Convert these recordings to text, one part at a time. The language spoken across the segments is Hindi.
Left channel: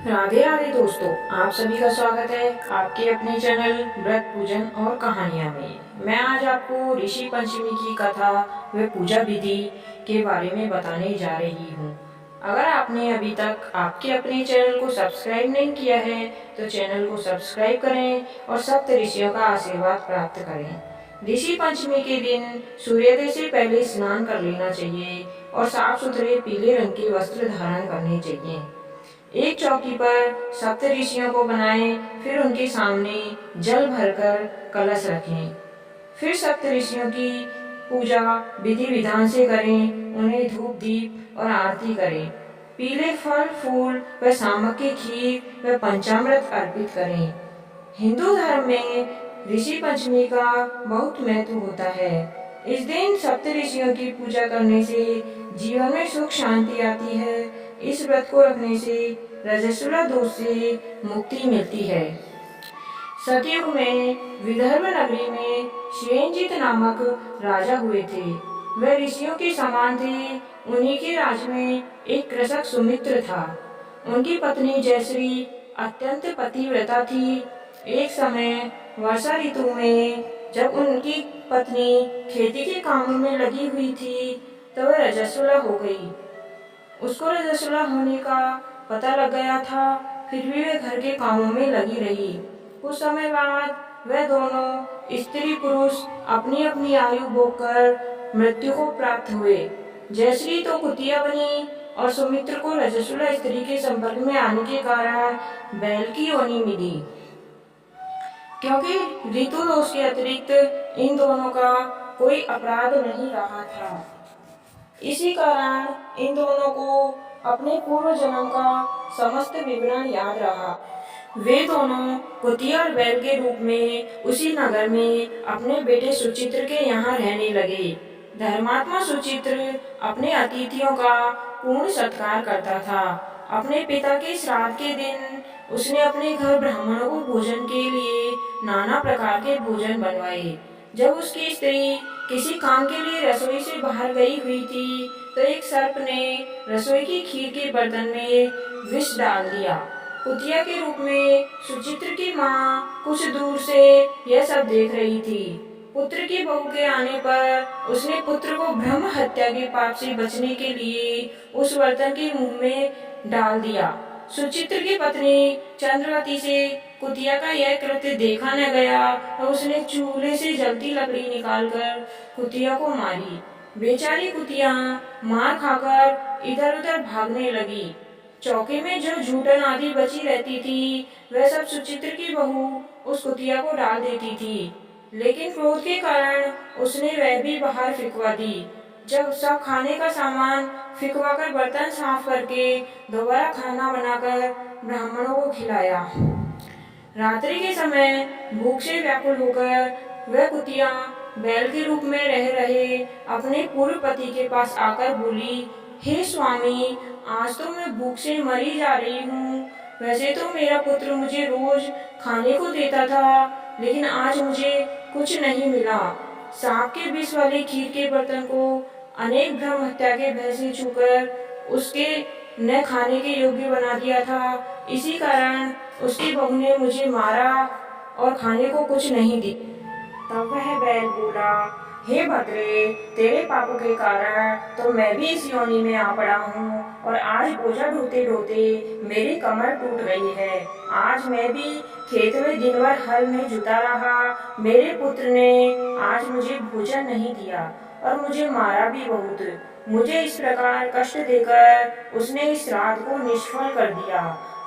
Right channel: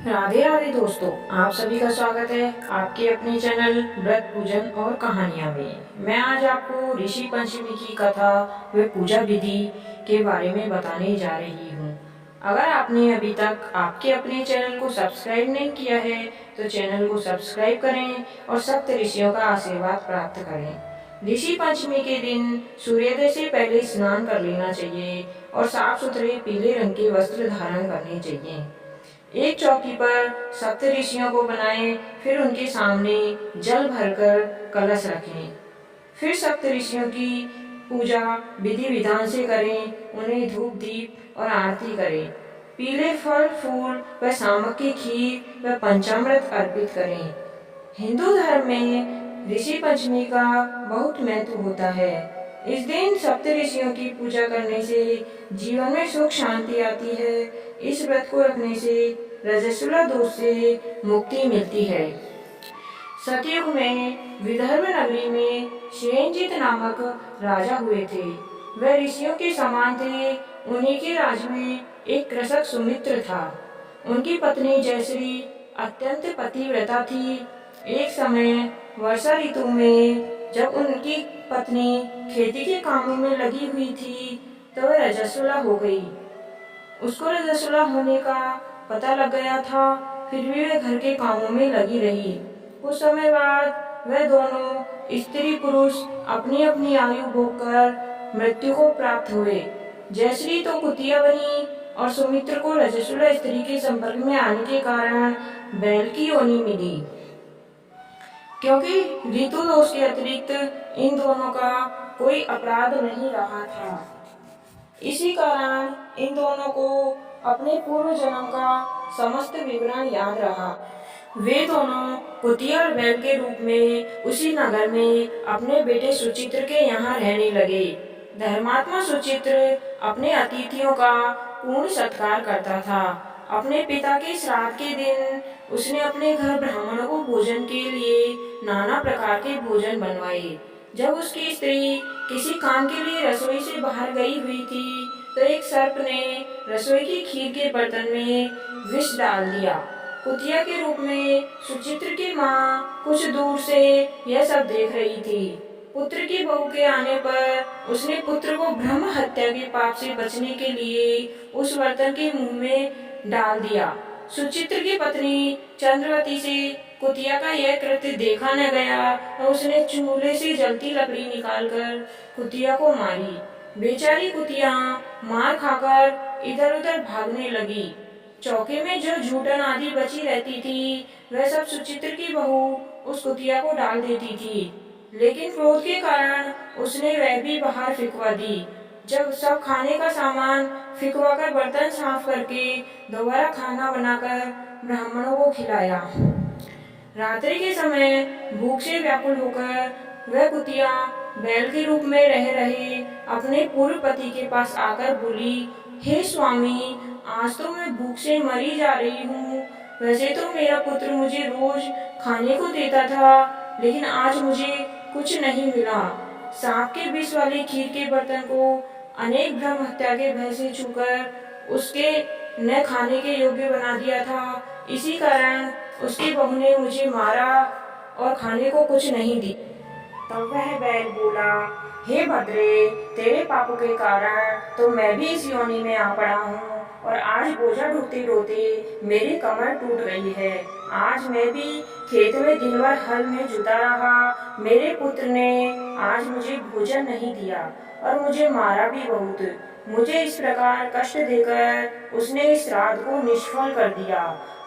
राधे राधे दोस्तों, आप सभी का स्वागत है आपके अपने चैनल व्रत पूजन और कहानियाँ में। मैं आज आपको ऋषि पंचमी की कथा व पूजा विधि के बारे में बताने जा रही हूँ। अगर आपने अभी तक आपके अपने चैनल को सब्सक्राइब नहीं किया है तो चैनल को सब्सक्राइब करें और सप्त ऋषियों का आशीर्वाद प्राप्त करें। ऋषि पंचमी के दिन सूर्योदय से पहले स्नान कर लेना चाहिए और साफ सुथरे पीले रंग के वस्त्र धारण करने चाहिए। एक चौकी पर सप्त ऋषियों को बनाएं, फिर उनके सामने जल भरकर कलश रखें। फिर सप्त ऋषियों की पूजा विधि विधान से करें, उन्हें धूप दीप और आरती करें। पीले फल फूल व सामक की खीर व पंचामृत अर्पित करें। हिंदू धर्म में ऋषि पंचमी का बहुत महत्व होता है। इस दिन सप्त ऋषियों की पूजा करने से जीवन में सुख शांति आती है। इस व्रत को रखने से रजस्वला दोष से मुक्ति मिलती है। सतयुग में विदर्भ नगरी में शेनजीत नामक राजा हुए थे। वह ऋषियों के समान थे। उन्हीं के राज में एक कृषक सुमित्र था। उनकी पत्नी जयश्री अत्यंत पतिव्रता थी। एक समय वर्षा ऋतु में जब उनकी पत्नी खेती के कामों में लगी हुई थी तो वह रजस्वला हो गई। उसको रजस्वला होने का पता लग गया था, फिर भी वह घर के कामों में लगी रही। कुछ समय बाद वह दोनों स्त्री पुरुष अपनी अपनी आयु भोग कर मृत्यु को प्राप्त हुए। जयश्री तो कुतिया बनी और सुमित्र को रजस्वला स्त्री के संपर्क में आने के कारण बैल की योनि मिली। क्योंकि ऋतु दोष के अतिरिक्त इन दोनों का कोई अपराध नहीं रहा था, इसी कारण इन दोनों को अपने पूर्व जन्म का समस्त विवरण याद रहा। वे दोनों कुतिया और बैल के रूप में उसी नगर में अपने बेटे सुचित्र के यहाँ रहने लगे। धर्मात्मा सुचित्र अपने अतिथियों का पूर्ण सत्कार करता था। अपने पिता के श्राद्ध के दिन उसने अपने घर ब्राह्मणों को भोजन के लिए नाना प्रकार के भोजन बनवाए। जब उसकी स्त्री किसी काम के लिए रसोई से बाहर गई हुई थी तो एक सर्प ने रसोई की खीर के बर्तन में विष डाल दिया। कुतिया के रूप में सुचित्र की माँ कुछ दूर से यह सब देख रही थी। पुत्र की बहू के आने पर उसने पुत्र को ब्रह्म हत्या के पाप से बचने के लिए उस बर्तन के मुंह में डाल दिया। सुचित्र की पत्नी चंद्रवती से कुतिया का यह कृत्य देखा न गया और उसने चूल्हे से जलती लकड़ी निकालकर कुतिया को मारी। बेचारी कुतिया मार खाकर इधर उधर भागने लगी। चौके में जो जूठन आदि बची रहती थी वह सब सुचित्र की बहू उस कुतिया को डाल देती थी, लेकिन क्रोध के कारण उसने वह भी बाहर फिकवा दी। जब सब खाने का सामान फिकवाकर बर्तन साफ करके दोबारा खाना बनाकर ब्राह्मणों को खिलाया। रात्रि के समय भूख से व्याकुल होकर वह कुतिया बैल के रूप में रह रहे अपने पूर्व पति के पास आकर बोली, हे स्वामी, आज तो मैं भूख से मरी जा रही हूँ। वैसे तो मेरा पुत्र मुझे रोज खाने को देता था, लेकिन आज मुझे कुछ नहीं मिला। सांप के विष वाली खीर के बर्तन को अनेक ब्रह्म हत्या के भय से छूकर उसके न खाने के योग्य बना दिया था। इसी कारण उसकी बहू ने मुझे मारा और खाने को कुछ नहीं दी। तब वह बैल बोला, हे भद्रे, तेरे पापों के कारण तो मैं भी इस योनि में आ पड़ा हूँ और आज बोझा ढोते ढोते मेरी कमर टूट गई है। आज मैं भी खेत में दिन भर हल में जुटा रहा। मेरे पुत्र ने आज मुझे भोजन नहीं दिया और मुझे मारा भी बहुत। मुझे इस प्रकार कष्ट देकर उसने इस श्राद्ध को निष्फल कर दिया।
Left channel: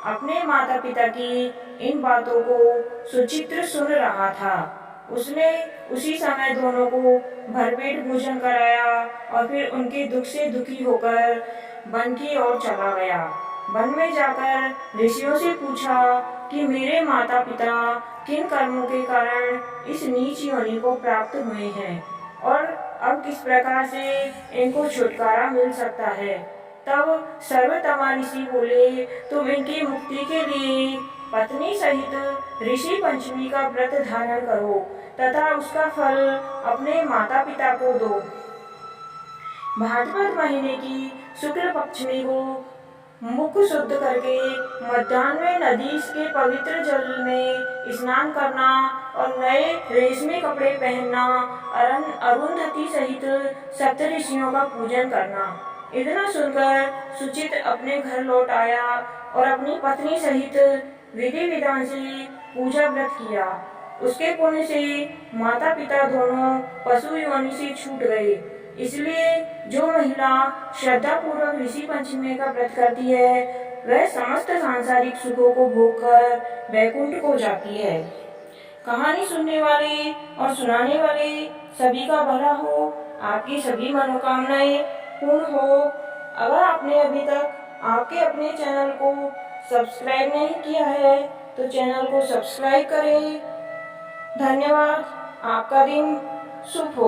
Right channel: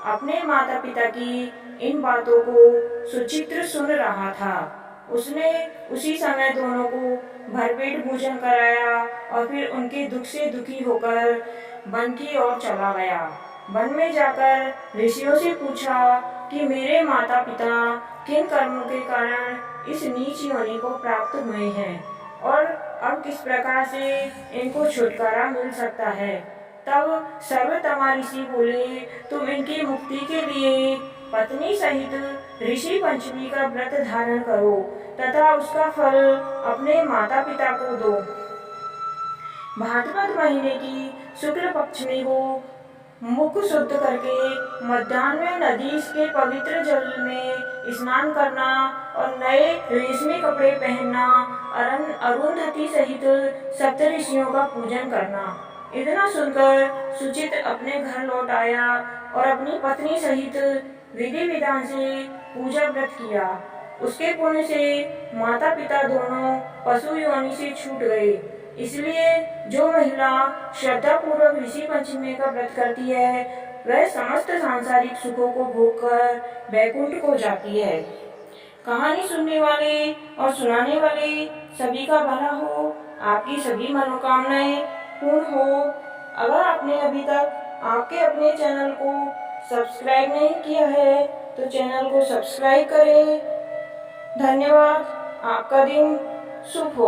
अपने माता पिता की इन बातों को सुचित्र सुन रहा था। उसने उसी समय दोनों को भरपेट भोजन कराया और फिर उनके दुख से दुखी होकर वन की ओर चला गया। वन में जाकर ऋषियों से पूछा कि मेरे माता पिता किन कर्मों के कारण इस नीच योनि को प्राप्त हुए हैं और अब किस प्रकार से इनको छुटकारा मिल सकता है। तब सर्वतमा ऋषि बोले, तुम इनकी मुक्ति के लिए पत्नी सहित ऋषि पंचमी का व्रत धारण करो तथा उसका फल अपने माता पिता को दो। भाद्रपद महीने की शुक्ल पक्षमी को मुख शुद्ध करके मध्याह्न में नदी के पवित्र जल में स्नान करना और नए रेशमी कपड़े पहनना, अरुंधति सहित सप्त ऋषियों का पूजन करना। इतना सुनकर सुचित अपने घर लौट आया और अपनी पत्नी सहित विधि विधान से पूजा व्रत किया। उसके पुण्य से माता पिता दोनों पशु योनि से छूट गए। इसलिए जो महिला श्रद्धा पूर्वक ऋषि पंचमी का व्रत करती है वह समस्त सांसारिक सुखों को भोगकर वैकुंठ को जाती है। कहानी सुनने वाले और सुनाने वाले सभी का भला हो, आपकी सभी मनोकामनाएं पूर्ण हो। अगर आपने अभी तक आपके अपने चैनल को सब्सक्राइब नहीं किया है तो चैनल को सब्सक्राइब करें। धन्यवाद। आपका दिन शुभ हो।